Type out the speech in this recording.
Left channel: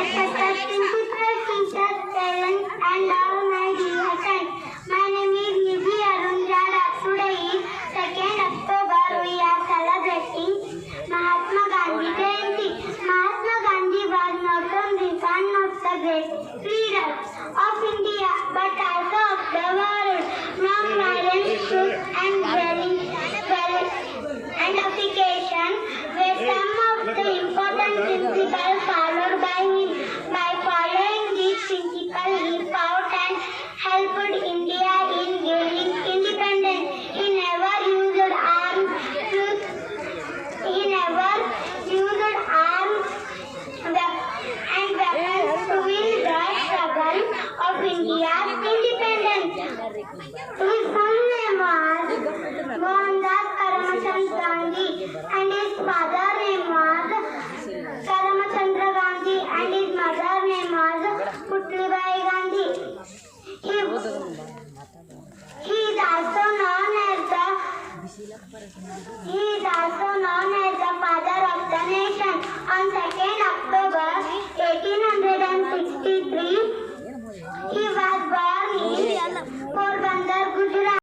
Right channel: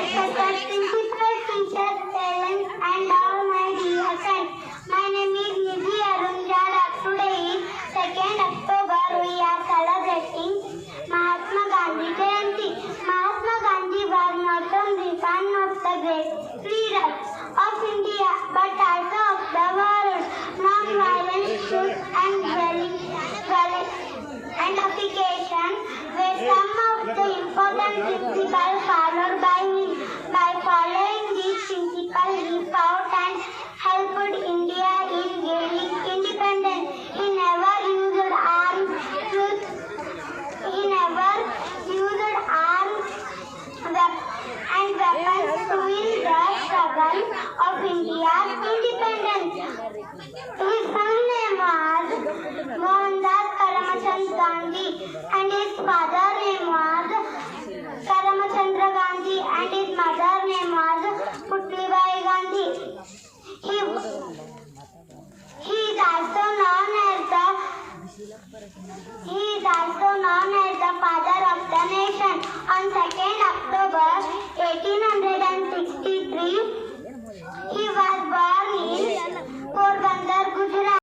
respected principal, teachers, parents, and all my dear friends. My name is Nidhi Arun Jada. Today is 2nd October. We are celebrating Mahatma Gandhi Jayanti. Mahatma Gandhi was not only one of the great leaders of India, but also of the world. Non-violence, truth, and verification were some of the important principles followed by him. By following these principles, he fought and helped India in gaining independence. He never used arms to and weapons to win the struggle of India's independence. His full name was Mohandas Karamchand Gandhi, and his father name was Karamchandra Gandhi, and his mother name was Putlibai Gandhi. He is also known as the father of the nation. On 2nd October 1800